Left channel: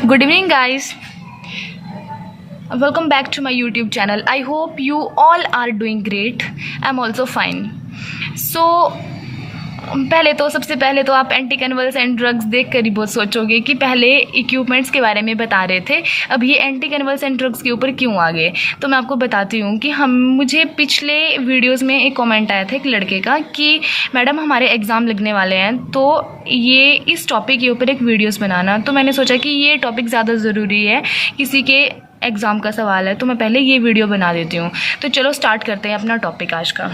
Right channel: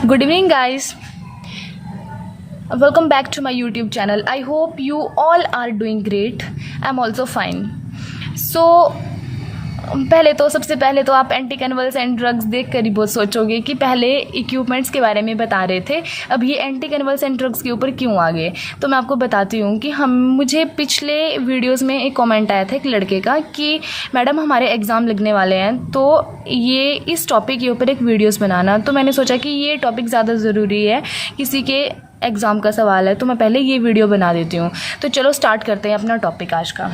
Good evening, guys. Welcome back to my YouTube channel. I hope you all are doing great. I'm also fine. So, सबसे पहले तो आप anti convulsant drugs देख कर ही बहुत सोचोगे कि पहले इक्विपमेंट्स के बारे में बता रहे थे, अब ये एंटी कन्वल्सेंट ड्रग्स के ऊपर क्यों आ गए। तो मैं आपको बताती हूँ कि मुझे पिछले वीडियोस में एक कमेंट आया था एक लड़के का कि मैडम हमारे एग्ज़ाम लगने वाले हैं, तो ये इस टॉपिक के ऊपर एक वीडियोस बनाना। तो मैंने सोचा कि ये टॉपिक ज़्यादा ज़रूरी है, किसी के एग्ज़ाम का सवाल है, तो मैं पहले ये वीडियो बना देती हूँ। तो चलो स्टार्ट करते हैं अपना टॉपिक आज का।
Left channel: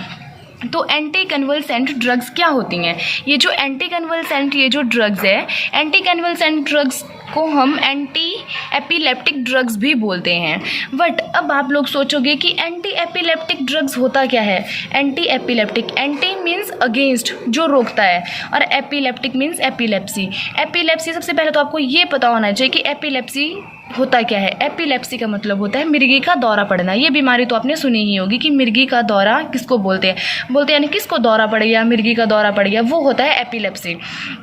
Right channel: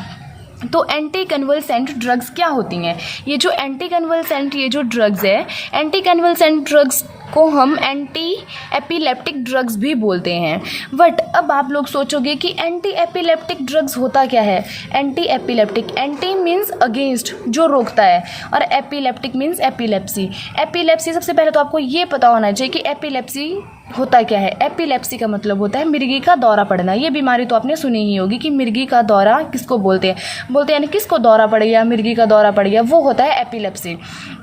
तो एंटी कन्वल्सेंट ड्रग्स क्या होती हैं। ये जो एंटी कन्वल्सेंट ये जो ड्रग्स है, एंटी कन्वल्सेंट ड्रग्स को हम एंटी एपिलेप्टिक ड्रग्स भी बोलते हैं। बट अब आप लोग सोचोगे कि एंटी एपिलेप्टिक ड्रग्स होता क्या है। Anti epileptic, anti means against, जो रोकता है, और एपिलेप्टिक मीन्स एपिलेप्सी। एपिलेप्सी सबसे पहले तो आपको ये पता होना चाहिए कि एपिलेप्सी होता क्या है। एपिलेप्सी का मतलब होता है मिर्गी का दौरा पड़ना। ये बीमारी तो आपने सुनी ही होगी कि मिर्गी का दौरा किसको बोलते हैं, यानी किसको दौरा पड़ गया, मिर्गी का दौरा पड़ गया, वो होता है एपिलेप्सी।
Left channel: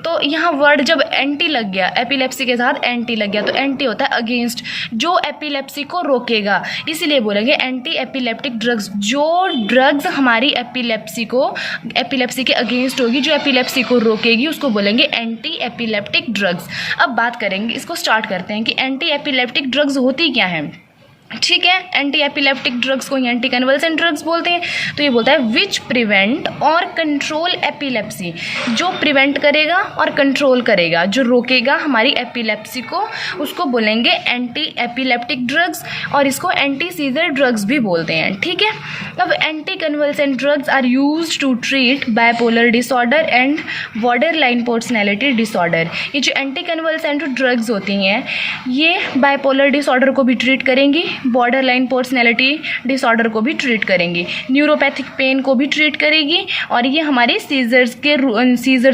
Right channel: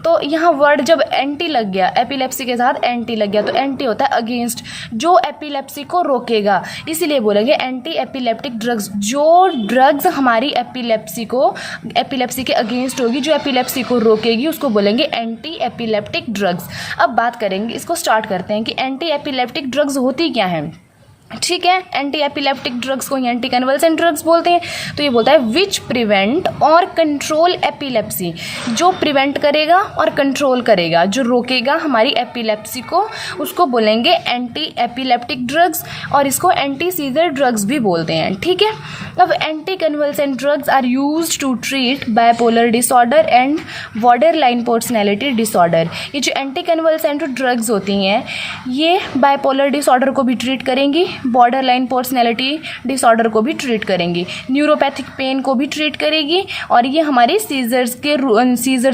तो यहाँ वर्ड जब एंटी लग गया, एपिलेप्सी के साथ एंटी लग गया, तो एंटी होता है अगेंस्ट, जो एपिलेप्सी को रोकेगा, इसीलिए बोलेंगे एंटी एपिलेप्टिक ड्रग्स। जो ड्रग्स हमारी एपिलेप्सी के अगेंस्ट होगी, जो एपिलेप्सी को रोकेगी, उसको बोलेंगे एंटी एपिलेप्टिक ड्रग्स। अब बात करेंगे, इसको स्टार्ट करते हैं कि एंटी एपिलेप्टिक ड्रग्स होती क्या है। ठीक है, एंटी एपिलेप्टिक ड्रग्स को एंटी कन्वल्सेंट ड्रग्स बोलते हैं। तो ये बोलता है विच प्रिवेंट और कंट्रोल एपिलेप्सी, जो प्रिवेंट करेगा और कंट्रोल करेगा, जो रोकेगा हमारी एपिलेप्सी को, उसको बोलेंगे एंटी एपिलेप्टिक ड्रग्स, और इसको एंटी सीजर ड्रग्स भी बोलते हैं। ठीक है, अब anti convulsant drugs are used to treat bipolar disorder and borderline personality disorder. ये जो एंटी कन्वल्सेंट ड्रग्स होती हैं, ये बाइपोलर डिसऑर्डर को भी ट्रीट करेंगी, बॉर्डर लाइन पर्सनैलिटी डिसऑर्डर को भी ट्रीट करेंगी, न्यूरोपैथिक पेन को भी ट्रीट करेगी, और ये हमारे सीजर्स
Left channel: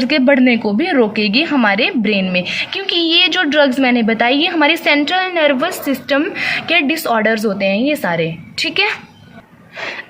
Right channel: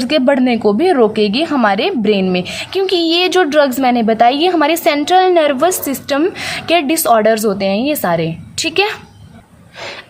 के बढ़ने को भी रोकेगी हमारे ब्रेन में। क्योंकि ये जो ड्रग्स मैंने बताई, ये हमारे सेंट्रल नर्वस सिस्टम के डिसऑर्डर्स होते हैं ये सारे। ठीक है,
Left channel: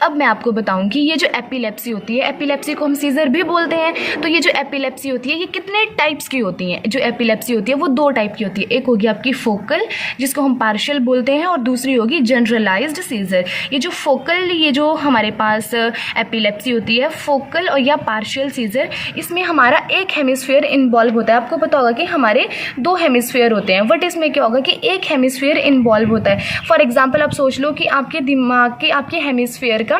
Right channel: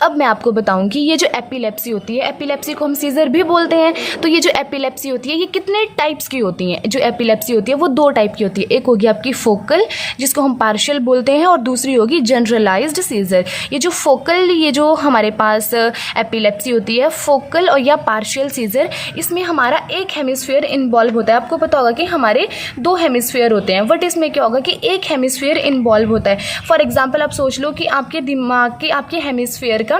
अब मैं आपको बताऊं कि ये जो एपिलेप्सी होती है, एपिलेप्सी को हम सीजर भी बोलते हैं। तो ये जो एपिलेप्सी होती है, ये कितने टाइप्स की होती हैं। जो एपिलेप्सी होती है वो दो टाइप की होती है, एक होगी आपकी फोकल, जिसको हम पार्शियल बोलते हैं, और दूसरी होगी जनरलाइज्ड सीजर। ये जो फोकल, ये जो हमारे पास एपिलेप्सी होती है, फोकल और या पार्शियल सीजर, इसमें हमारा एक हेमिस्फीयर इन्वॉल्व होता है। आपको पता होगा कि हमारे दो हेमिस्फीयर होते हैं, बट इसमें क्या होगा कि एक हेमिस्फीयर इन्वॉल्व होता है। फॉर एग्जाम्पल आप सोच लो कि आपके दिमाग के, आपके हेमिस्फीयर का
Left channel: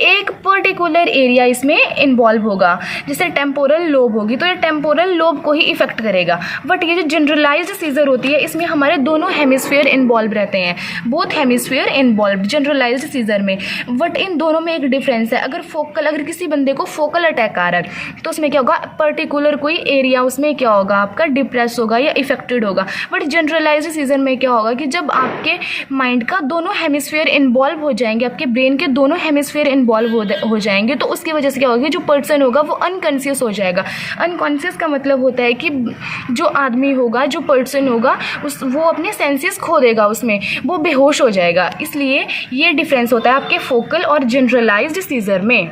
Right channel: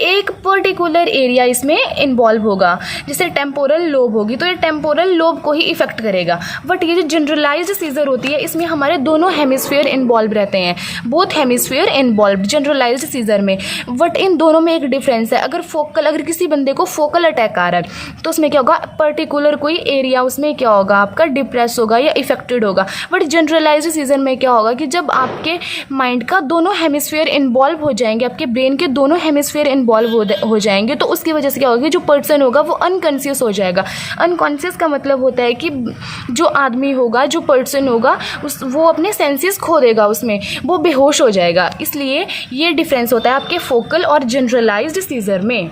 एक पर्टिकुलर एरिया इसमें इन्वॉल्व होगा, जैसे टेम्पोरल लोब होगी, तो ये टेम्पोरल लोब को ही इफेक्ट करेगा। बट ये जो जनरलाइज्ड सीजर होती है, इसमें हमारे दोनों हेमिस्फीयर इन्वॉल्व रहते हैं, both hemisphere involve generalized seizure में। बट इन दोनों में एक डिफरेंस है। अगर किसी बंदे को फोकल अटैक आ रहा है, तो उसमें क्या होगा, पर्टिकुलर कोई एरिया उसमें क्या होगा, आपका डिप्रेस होगा या इफेक्टेड होगा। बट जनरलाइज्ड सीजर में क्या होगा कि जब आपके माइंड का दोनों हेमिस्फीयर इन्वॉल्व हो जाएंगे, आपके ब्रेन के दोनों हेमिस्फीयर इन्वॉल्व हो जाएंगे, तो उसकी वजह से क्या होगा, जो पर्सन होगा वो अनकॉन्शियस हो जाएगा। अनकॉन्शियस का मतलब होता है कि जो आदमी होगा, जो पर्सन होगा, वो अपने सेंसेस खो देगा, उसमें वो बेहोश हो जाएगा। इसलिए ये डिफरेंस होता है आपके फोकल और जनरलाइज्ड सीजर में।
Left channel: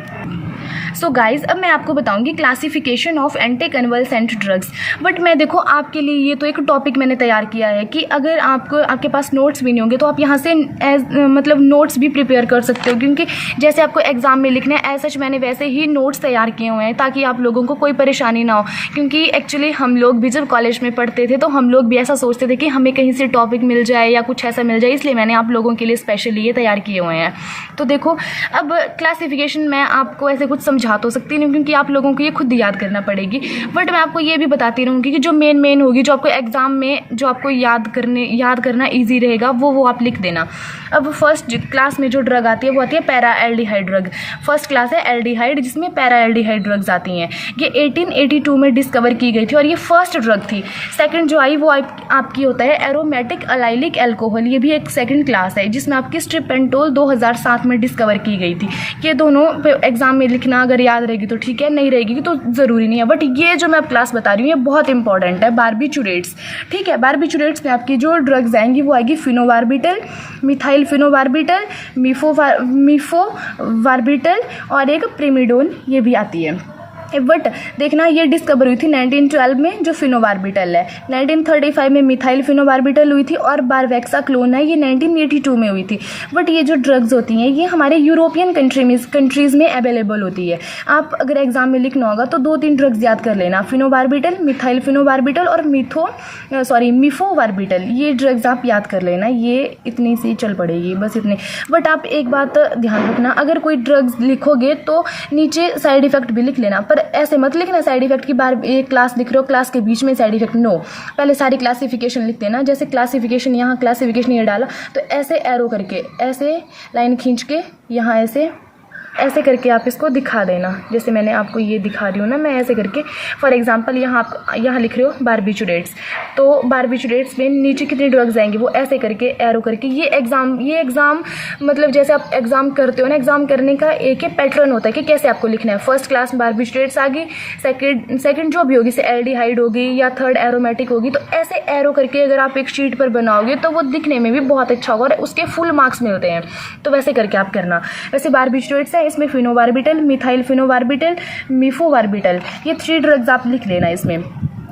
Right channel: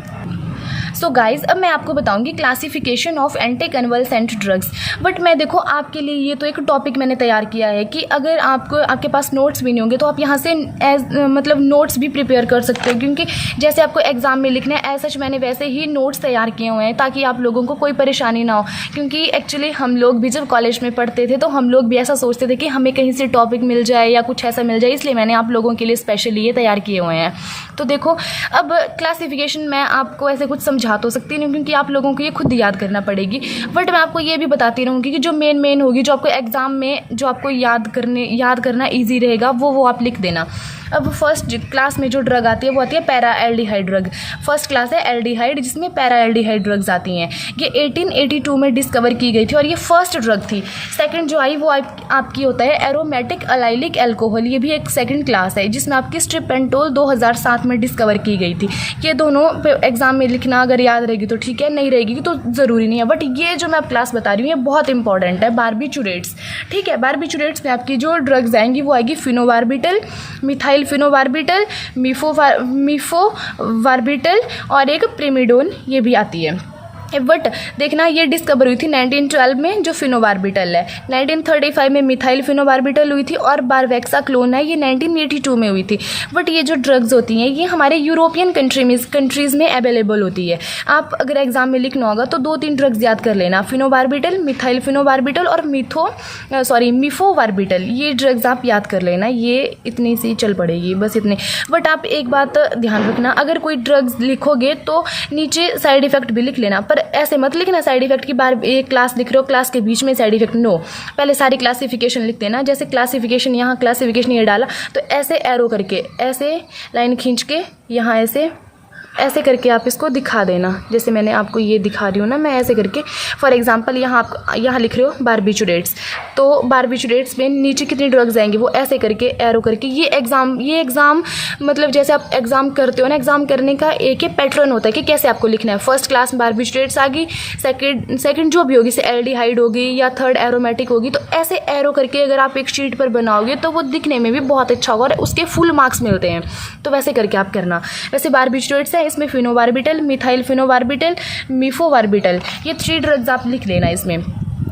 सो गाइज, अब मैं आपको बताऊंगी classification of anti convulsant drugs. But मैं देखो आपके लिए ये तो एक टॉपिक मैंने तैयार किया है कि अगर आपके पास नोट्स भी नहीं होंगे, तो आप यहाँ से मतलब नोट्स भी प्रिपेयर कर सकते हो, क्योंकि जैसे आपको एग्जाम में लिखना है, एज सच मैंने वैसे ही नोट्स तैयार किए हुए हैं, ताकि आप लोगों को कोई परेशानी ना हो। क्योंकि एक्चुअली हम लोग भी जब कॉलेज में पढ़ते थे, तो हम लोग भी ऐसा सोचते थे कि हमें कहीं से टॉपिक मिल जाए या कुछ ऐसा मिल जाए, इसलिए मैंने आप लोगों के लिए स्पेशली ये तैयार किए हुए हैं। तो देखो, अब क्लासिफिकेशन मैं आपको ऐसे कुछ समझा तो सकती नहीं, क्योंकि आप लोगों को ये खुद याद करना पड़ेगी। बट मैं आपको ये भी बताती रहूँगी कि जो मेन होगी, जो आपको एग्जाम में जो आपको याद करना ईजी रहेगा, वो आप लिख देना। अब फर्स्ट क्लास में जो ड्रग आती है वो आती है para aldehyde drug. First class है एल्डिहाइड, जिसमें पैरा एल्डिहाइड ड्रग्स आती हैं। ये 1882 में डिस्कवर की गई थी और ये फर्स्ट ड्रग थी। सेकंड जो आई वो आपकी होता है एरोमेटिक अलाइलिक एल्कोहल। ये भी एक सेकंड क्लास है, जिसमें आपकी स्ट्रिपेंटोल 2007 में डिस्कवर की गई थी। ये दोनों एग्जाम में लिखना, अगर याद रहेगी तो ठीक है, नहीं रहेगी तो ज़रूरी नहीं है। बट ये जो मैं क्लास बता रही हूँ ये बहुत इंपॉर्टेंट है, बारबिचुरेट्स। ठीक है, बारबिचुरेट्स में आपकी जो ड्रग्स आएंगी वो आएगी फिनोबार्बिटल, मिथाइल फिनोबार्बिटल, मीफोबार्बिटल और एक प्रिमिडोन, ये भी आती है। बट देखना ये डिस्कवर हुई थी 1912 में जो फिनोबार्बिटल है, 1935 में मिथाइल फिनोबार्बिटल हुई थी, और बारवेक्साक्लोन है ये 1982 में हुई थी। बट ये जो ड्रग्स होती हैं ये हमारे यूरोपियन कंट्रीज़ में अवेलेबल होती है। आप अगर एग्जाम में लिखना होगा तो 2-3 ड्रग्स याद कर लेना, फिनोबार्बिटल, मिथाइल फिनोबार्बिटल और मिफोबार्बिटल, ये ड्रग्स आप याद कर लेना, ये इतनी सी चल पड़ेगी बस इतने। बट आप एक बात ध्यान रखना, अगर कोई ड्रग्स लिखोगे तो नीचे साइड इफ़ेक्ट भी लिख लेना, पर ऐसे मत लिखना साइड इफेक्ट की बार एक क्लास लिख रहे हो क्लास के बीच में साइड इफेक्ट, नो, पहले सारी क्लासिफिकेशन लिख देना। जैसे क्लासिफिकेशन यहाँ क्लासिफिकेशन ये डाला तो ऐसे एरो करके, ऐसे लाइन खींच के यहाँ ऐसे करके आप इसको दिखा देना, जैसे मैंने आपको ये दिखा रही हूँ ना, मैं ऐसे करके। फॉर एग्जांपल यहाँ आप यहाँ लिख रहे हो बारबिचुरेट्स, तो बारबिचुरेट्स में नीचे कितनी ड्रग्स आएंगे वो ऐसे करके एरो करके। ये एग्ज़ाम मतलब जैसे आप एग्ज़ाम करते हो ना, एग्ज़ाम करने का एक ही पैटर्न होता है कि कैसे आपको लिखना है। फर्स्ट क्लास बारबिचुरेट्स आ गई, सेकेंड जो भी होगी से एल्डिहाइड होगी या थर्ड एरोमेटिक होगी, तो ऐसे एरो करके अगर आप एक शीट पर बनाओगे तो वो दिखने में भी बहुत अच्छा होगा और उसके फुल मार्क्स मिलते हैं। तो वैसे करके आप करना। वैसे बारबिचुरेट्स है, इसमें फिनोबार्बिटल, मिथाइल फिनोबार्बिटल, मिफोबार्बिटल, ये 3 ड्रग्स आप लिख लेना इसमें।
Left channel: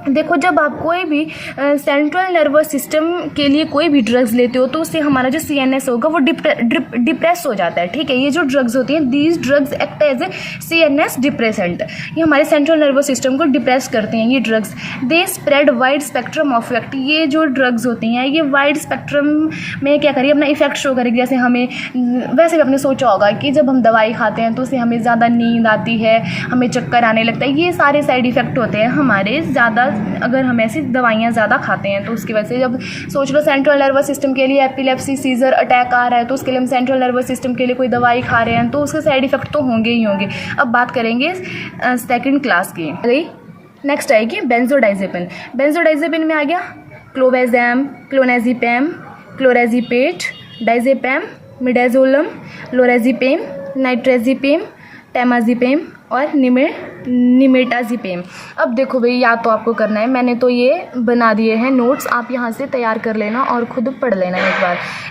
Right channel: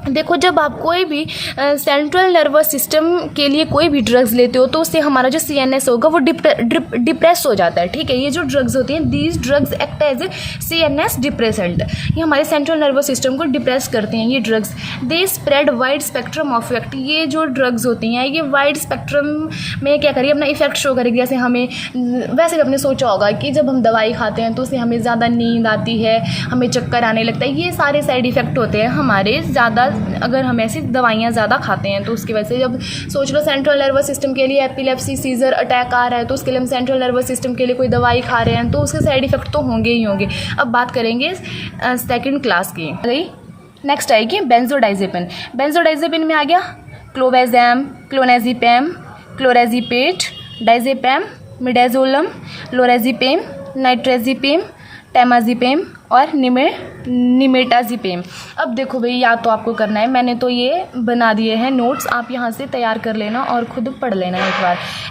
देखो जब आप कोई भी सेंट्रल नर्वस सिस्टम के लिए कोई भी ड्रग्स लेते हो तो उससे हमारा जो CNS होगा वो डिप्रेस हो जाता है, ठीक है। ये जो ड्रग्स होती हैं, these drugs act as a CNS depressant, ये हमारे सेंट्रल नर्वस सिस्टम को डिप्रेस करते हैं ये drugs. They spread wide spectrum of effect, ये जो ड्रग्स होती हैं ये वाइड स्पेक्ट्रम में क्या करिए अपना इफेक्ट शो करेगी। जैसे हमें वैसे भी आपने सोचा होगा कि जब हम दवाई खाते हैं तो उससे हमें ज़्यादा नींद आती है, हमें चक्कर आने लगता है, ये सारे साइड इफ़ेक्ट होते हैं हमारे ज़्यादा अगर हम ऐसी दवाइयाँ ज़्यादा खाते हैं तो उसकी वजह से। जब सोच लो सेंट्रल नर्वस सिस्टम के लिए एपिलेप्सी, सीजर अटैक आ रहा है तो उसके लिए हम सेंट्रल नर्वस सिस्टम के लिए कोई दवाई खा रहे हैं तो उसके साइड इफ़ेक्ट तो होंगे ही होंगे। अब बात करेंगे सेकंड क्लास की। नेक्स्ट आएगी बेंजोडाइजेपिन। बेंजोडाइजेपिन में आ गया क्लोवेज़ैम, क्लोनाज़ेपैम, क्लोराज़ेपेट, डाइज़ेपैम, मिडाज़ोलम, लोराज़ेपैम, नाइट्राज़ेपैम, टेमाज़ेपैम और निमेटाज़ेपैम। अब देखो भाई याद तो आपको करना है, मैंने तो ये बना दिए हैं नोट्स, आप यहाँ से तैयार कर लेना और खुद पढ़ लेना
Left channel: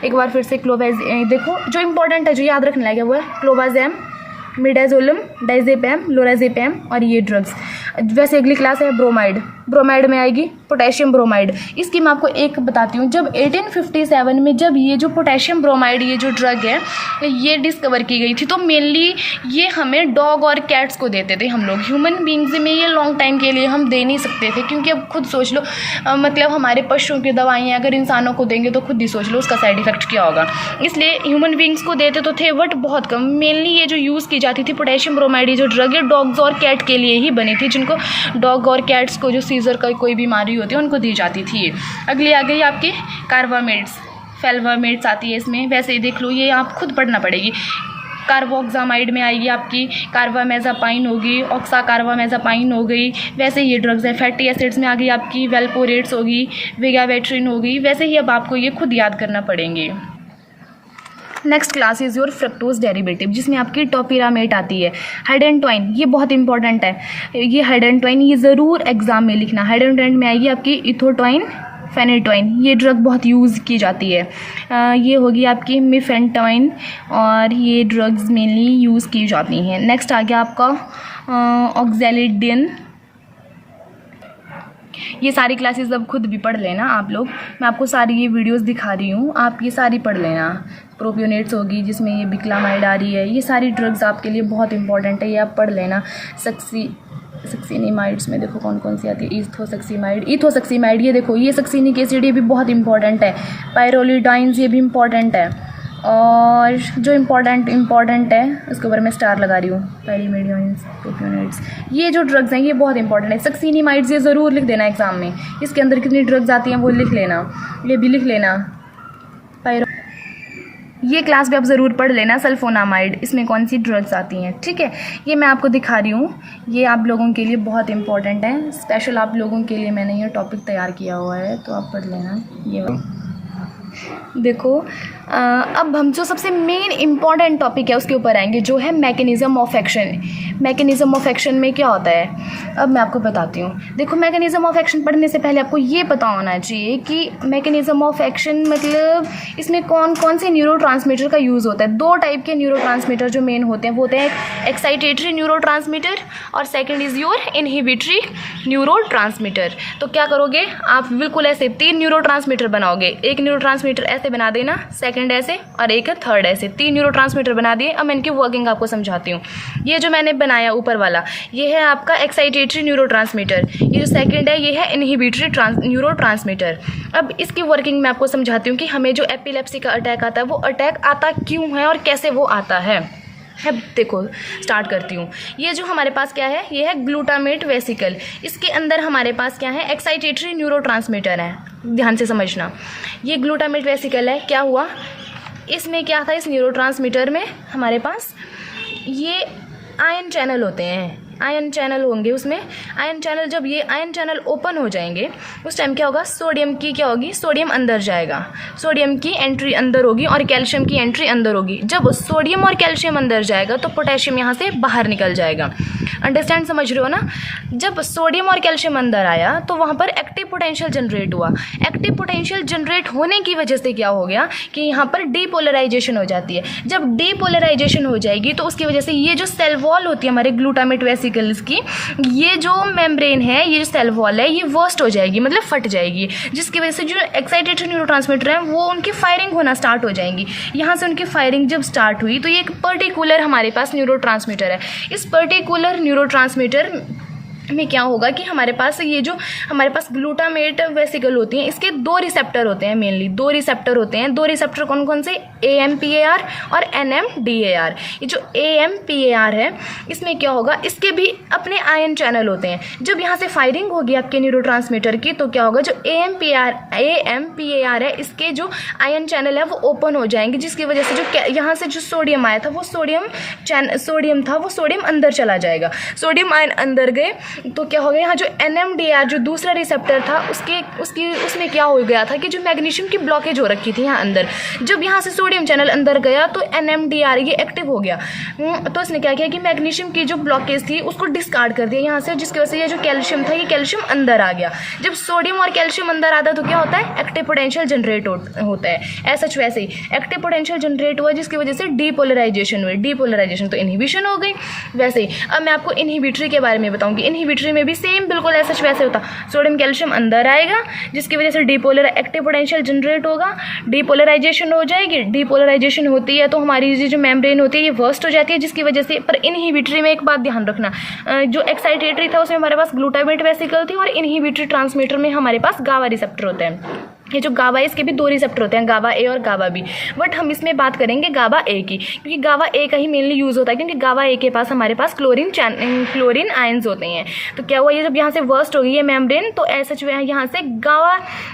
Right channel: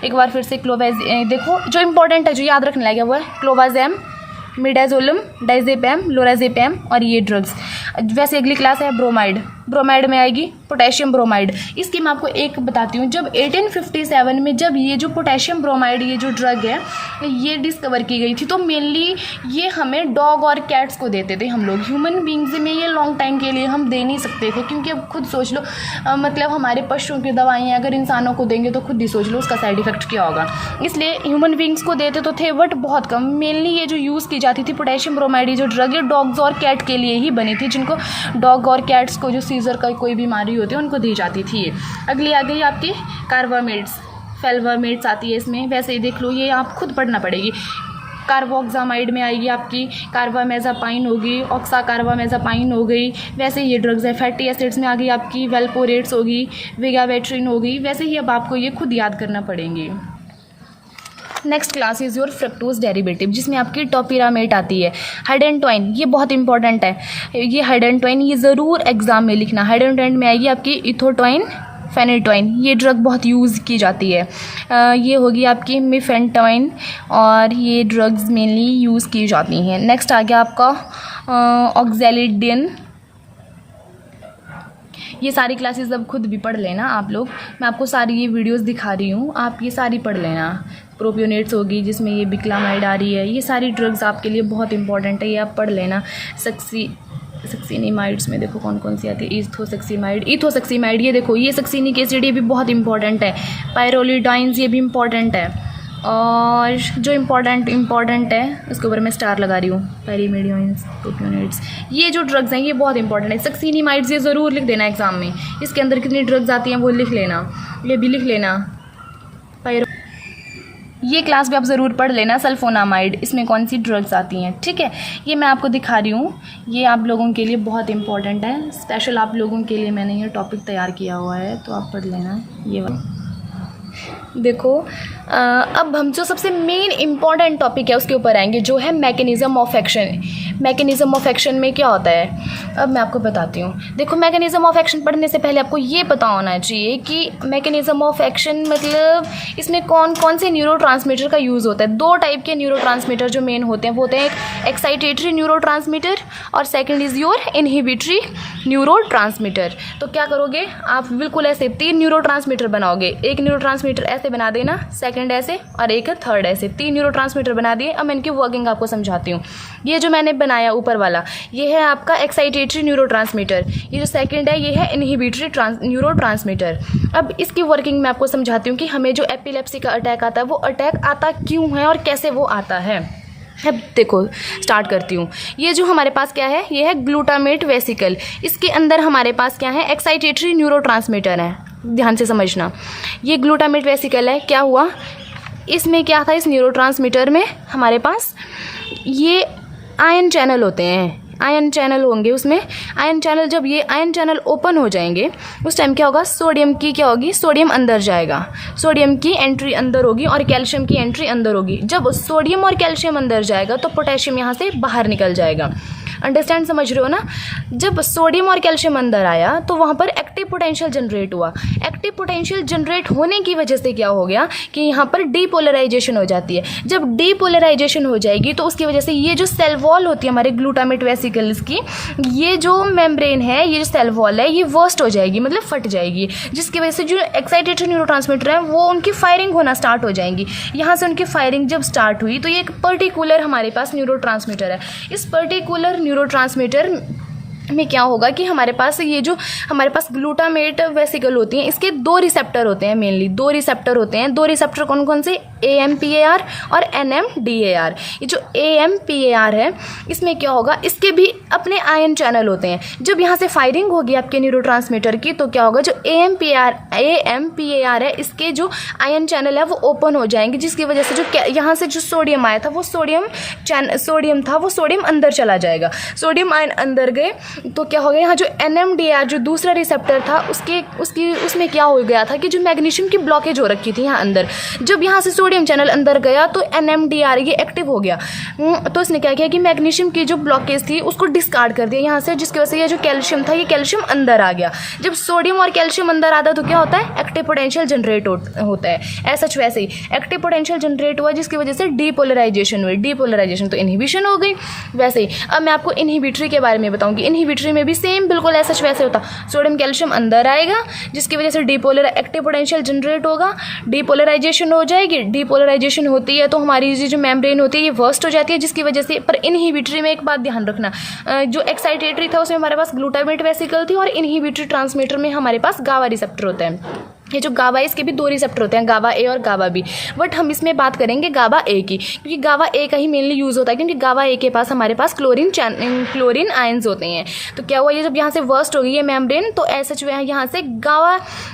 एक बार फिर से। देखो जो इंपॉर्टेंट है जो याद रखने लगा हुआ है, क्लोवाज़ैम, मिडाज़ोलम, डाइज़ेपैम, लोराज़ेपैम और ये ड्रग्स। वैसे अगली क्लास है ब्रोमाइड में आएगी पोटेशियम ब्रोमाइड। इसकी मैं आपको एक बताती हूँ। जब 1857 में जब ये जो पोटेशियम ब्रोमाइड ये जो ड्रग है ये डिस्कवर की गई थी तो मेनली ये हमें डॉग और कैट्स को देते थे हम लोग। ह्यूमन बींग्स में ये लॉन्ग टाइम के लिए हम दे नहीं सकते थे, क्योंकि अब खुद सोच लो मतलब हमारे पशुओं की दवाइयाँ अगर इंसानों को देंगे तो खुद ही सोच लो उसका साइड इफेक्ट क्या होगा। इसलिए ह्यूमन बींग्स को देते तो थे बट बहुत कम। मेनली ये जो यूज़ की जाती थी पोटेशियम ब्रोमाइड ये जो ड्रग है डॉग्स और कैट के लिए ही बनी थी, जिनको डॉग और कैट्स को जो सीजर का कोई बीमारी होती है उनको दी जाती थी। अगली आ गई आपकी कार्बामेड्स, फेल्वामेड्स आती है इसमें। वैसे ही देख लो ये आप खुद पढ़ना पड़ेगी। कार्बोक्सामाइड में आएगी आपकी कार्बामेज़ापाइन होगी, ऑक्साकार्बामेज़ापाइन हो गई। वैसे ये ड्रग्स है। फैटी एसिड्स में आ गई आपकी वेल्पोरेट्स होगी, विगावेट्रिन होगी। वैसे ही अब आपको ये खुद याद करना पड़ेंगे। Next class is your fructose derivative, जिसमें आपकी टॉपिरामेट आती है। हाइडेंटोइन ये बहुत इंपॉर्टेंट है, ये हाइडेंटोइन ये ज़रूर एग्जाम में लिखना। हाइडेंटोइन में आएगी आपकी इथोटोइन, फेनेटोइन, ये ड्रग बहुत यूज़ की जाती है। ये होगी आपकी मिफेंटोइन और ये ड्रग्स मेनली यूज़ की जाती हैं। नेक्स्ट आ गया आपका ऑक्जेलिडिन। ये सारी क्लासेस अब खुद भी पढ़ लेना आप लोग, मैं आपको सारी ये वीडियोस दिखा रही हूँ, आप ये सारी पढ़ लेना। प्रोपियोनेट्स होगी जिसमें ये बिक्लामाइड आ रही है। ये सारी ड्रग्स आपके लिए बहुत इंपॉर्टेंट है, ये आप पढ़ लेना। सक्सिनिमाइड्स में देखो कौन कौन सी आती है। इथोसक्सीमाइड ये देखो, ये सक्सिनिक एसिड ये भी बहुत इंपॉर्टेंट है। पायरोलिडाइंस ये भी इंपॉर्टेंट है। और जो इम्पॉर्टेंट है उसके ऊपर मैं स्टार लगा रही हूँ, पेरीमेडियोन्स, प्रोपियोनेट्स, ये जो ड्रग्स हैं ये बहुत इंपॉर्टेंट है। सक्सिनिमाइड्स ये ज़रूर लिख देना एग्जाम में, इसके अंदर कितनी ड्रग्स आती हैं वो लिख लेना, ये भी लिख लेना। ये क्लास भी आप ज़रूर पढ़ लेना। सल्फोनामाइड, इसमें कौन सी ड्रग्स आती हैं, ठीक है। ये मैं आपको दिखा रही हूँ, ये आप लोगों के लिए बहुत इंपॉर्टेंट है। स्पेशल आप लोगों के लिए मैंने ये टॉपिक तैयार किया हुआ है तो आप पढ़ लेना ये। देखो अब हम जो सबसे मेन इम्पॉर्टेंट टॉपिक है उसके ऊपर आएंगे, जो है mechanism of action. Mechanism of action में क्या होता है अब मैं आपको बताती हूँ। देखो, मैकेनिज़्म ऑफ एक्शन पढ़ने से पहले आपको ये पता होना चाहिए कि मैकेनिज़्म ऑफ एक्शन मतलब इसमें कौन कौन से न्यूरोट्रांसमीटर का यूज़ होता है। दो टाइप के न्यूरोट्रांसमीटर जो मेन होते हैं वो होते हैं एक एक्साइटेटरी न्यूरोट्रांसमीटर और second is your inhibitory neurotransmitter. तो क्या करोगे आप, बिल्कुल ऐसे 3 न्यूरोट्रांसमीटर बनाओगे। एक न्यूरोट्रांसमीटर ऐसे बना देना, सेकंड ऐसे और एक है थर्ड ऐसे। 3 न्यूरोट्रांसमीटर बना दिए। अब मैं इनकी वर्किंग आपको समझाती हूँ। ये जो मैंने बनाया ऊपर वाला, ये है आपका एक्साइटेटरी न्यूरोट्रांसमीटर। ये जो सेकंड है ये है इनहिबिटरी न्यूरोट्रांसमीटर। अब इसकी वर्किंग मैं आपको समझाती हूँ कि हमें जो एपिलेप्सी का अटैक आता है वो अटैक आता क्यों है और कैसे वो आता है। अब देखो स्टार्ट करती हूँ। ये जो हमारे पास क्या है, ये है ग्लूटामेट वेसिकल। इसके अंदर हमारे पास क्या है, एक्साइटेटरी न्यूरोट्रांसमीटर है। ध्यान से समझना, ये ग्लूटामेट वेसिकल है। क्या हुआ इसमें, क्या था इस न्यूरोट्रांसमीटर में, हमारे पास ये आयन चैनल होते हैं। आयन चैनल होंगे उसमें। आयन चैनल, जब ये आयन चैनल ओपन हो जाएंगे उस टाइम क्या होगा, सोडियम की क्या होगी, सोडियम अंदर जाएगा। सोडियम की एंट्री अंदर होगी और कैल्शियम की एंट्री अंदर होगी। जब सोडियम और कैल्शियम अंदर जाएगा तो पोटेशियम यहाँ से बाहर निकल जाएगा। अंडरस्टैंड, समझ रहे हो ना। जब सोडियम और कैल्शियम अंदर आया तो वहाँ पर एक्टिव पोटेंशियल जनरेट हुआ। एक्टिव पोटेंशियल जनरेट होने की वजह से क्या हो गया कि यहाँ पर डीपोलराइजेशन हो जाती है। जब डीपोलराइजेशन हो जाएगी तो उसकी वजह से ये जो सेल वॉल होती है हमारे ग्लूटामेट वेसिकल्स की, ये जो मेम्ब्रेन है, ये जो सेल वॉल है, ये वर्स्ट हो जाएगी, मतलब फट जाएगी, जिसकी वजह से जो एक्साइटेटरी न्यूरोट्रांसमीटर है वो उनकी फायरिंग होना स्टार्ट हो जाएंगी। यहाँ से उनकी फायरिंग जब स्टार्ट हुई तो ये एक पर्टिकुलर हमारे पास न्यूरोट्रांसमीटर है। इस पर्टिकुलर न्यूरोट्रांसमीटर में क्या होगा कि हमारे पास ये जो हमारे पास ग्लूटामेट वेसिकल होती हैं, इसके 2 रिसेप्टर होते हैं। मेनली 2 रिसेप्टर होते हैं। 2 रिसेप्टर कौन कौन से, AMPAR और NMDAR। ये जो AMPAR है इसमें क्या होगा, इसके भी अपने आयन चैनल होते हैं। जब यहाँ से फायरिंग होगी आपके न्यूरोट्रांसमीटर की तो क्या होगा, जो AMPAR है इसके जो आयन चैनल है वो ओपन हो जाएंगे, जिसकी वजह से जो यहाँ से जो सोडियम आया था वो सोडियम अंदर चला जाएगा। सोडियम आयन अंदर गए तो क्या हो गया, यहाँ जो NMDAR जो दूसरा रिसेप्टर था उसमें क्या हो गया था कि जो मैग्नीशियम की ब्लॉकेज हो रखी थी यहाँ अंदर, जब यहाँ से सोडियम चैनल अंदर गया तो NMDAR ये एक्टिव हो गया। तो इसने क्या किया कि मैग्नीशियम की जो ब्लॉकेज थी उसको डिस्कार्ड कर दिया यहाँ से, जिसकी वजह से ये जो कैल्शियम था ये कैल्शियम अंदर आ गया। जब सोडियम और कैल्शियम अंदर आता है तो क्या होता है, एक्टिव पोटेंशियल जनरेट होता है। ऐसा वैसे ही एक्टिव पोटेंशियल जनरेट हुआ जिसकी वजह से डीपोलराइजेशन हुई। डीपोलराइजेशन तो इनहिबिशन हो गई। वैसे ही अब मैं आपको इनहिबिटरी के बारे में बताऊंगी। इनहिबिटरी में भी सेम बिल्कुल ऐसा वैसे होता, सोडियम कैल्शियम अंदर आएगा जिसकी वजह से एक्टिव पोटेंशियल जनरेट होगा, डीपोलराइजेशन हो जाएगी। डीपोलराइजेशन होती है तो हमारी जो मेम्ब्रेन होती है ये वर्स्ट हो जाती है, जिसकी वजह से। पर इनहिबिटरी में एक बात ध्यान रखना, जो एक्साइटेटरी था उसमें हमारे पास ग्लूटामेट वेसिकल थी और इनहिबिटरी ट्रांसमीटर में हमारे पास गावा रिसेप्टर होता है। ये जो गावा है इसके भी 2 रिसेप्टर होते हैं, गावा ए और गावा बी। बट हम इसमें बात करेंगे गावा ए की, क्योंकि गावा ए का ही मेनली यूज़ होता है, क्योंकि गावा ए के पास हमारे पास क्लोरीन आयंस होते हैं। तो क्या हुआ, ये जब यहाँ से वर्स्ट हो गई है मेम्ब्रेन तो ऐसा यहाँ से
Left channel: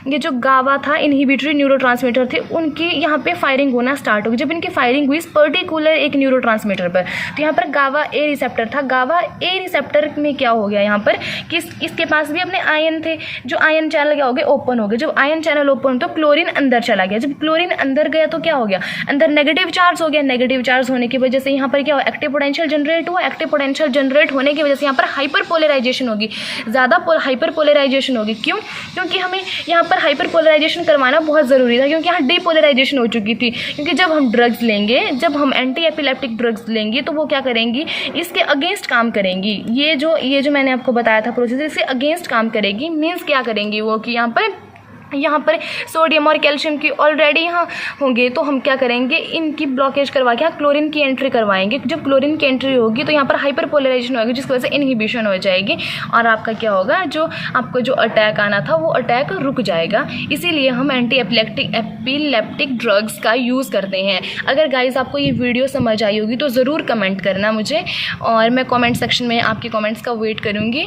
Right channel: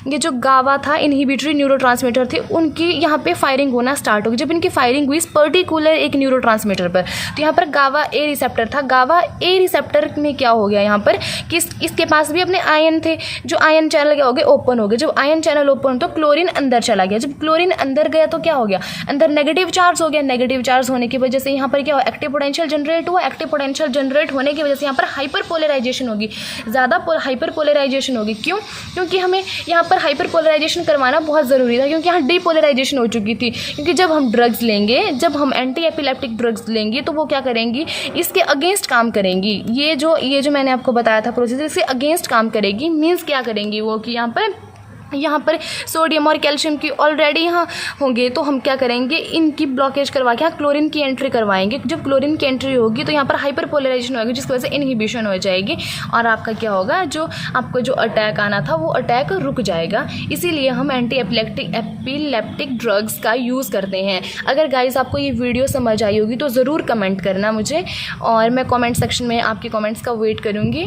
ये जो गावा था इनहिबिटरी न्यूरोट्रांसमीटर थे उनकी यहाँ पे फायरिंग होना स्टार्ट होगी। जब इनकी फायरिंग हुई इस पर्टिकुलर एक न्यूरोट्रांसमीटर पर तो यहाँ पर गावा ए रिसेप्टर था। गावा ए रिसेप्टर में क्या हो गया यहाँ पर कि इसके पास भी अपने आयन थे, जो आयन चैनल क्या हो गए, ओपन हो गए। जब आयन चैनल ओपन तो क्लोरीन अंदर चला गया। जब क्लोरीन अंदर गया तो क्या हो गया, अंदर नेगेटिव चार्ज हो गया। नेगेटिव चार्ज होने की वजह से यहाँ पर क्या हो, एक्टिव पोटेंशियल जनरेट हुआ। एक्टिव पोटेंशियल जनरेट होने की वजह से यहाँ पर हाइपर पोलराइजेशन होगी, ज़्यादा हाइपर पोलराइजेशन होगी। क्यों, क्योंकि हमें यहाँ पर हाइपर पोलराइजेशन करवाना बहुत ज़रूरी था, क्योंकि यहाँ डीपोलराइजेशन हो चुकी थी। क्योंकि जब हम ड्रग्स लेंगे, जब हम एंटी एपिलेप्टिक ड्रग्स लेंगे तो वो क्या करेंगी, इसके अगेंस्ट काम करेंगी। ये जो मैंने आपको बताया था प्रोसेस, इससे अगेंस्ट काम करेगी। मीन्स क्या करेंगी वो कि यहाँ पर सोडियम और कैल्शियम की ऑलरेडी यहाँ होंगे तो हम क्या करेंगे, इनकी ब्लॉकेज करवा के यहाँ क्लोरीन की एंट्री करवाएंगे। जब क्लोरीन की एंट्री होगी तो यहाँ पर हाइपर पोलराइजेशन होगी, जिसकी वजह से इनहिबिशन हो जाएगी और आपका क्या होगा, जो आपको जो अटैक आना था वो अटैक रुक जाएगा। इसीलिए हम एंटी एपिलेप्टिक ड्रग्स का यूज़ करते हैं। अगर गाइज आपको ये वीडियो समझ आई होगी तो ज़रूर कमेंट करना मुझे, और मैं कमेंट सेक्शन में आपके कमेंट्स का वेट करूँगी।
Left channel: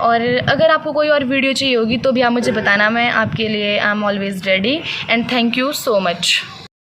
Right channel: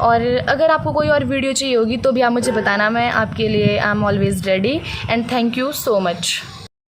और अगर आपको कोई और वीडियो चाहिए होगी तो भी आप मुझे बताना, मैं आपके लिए I am always ready. And thank you so much.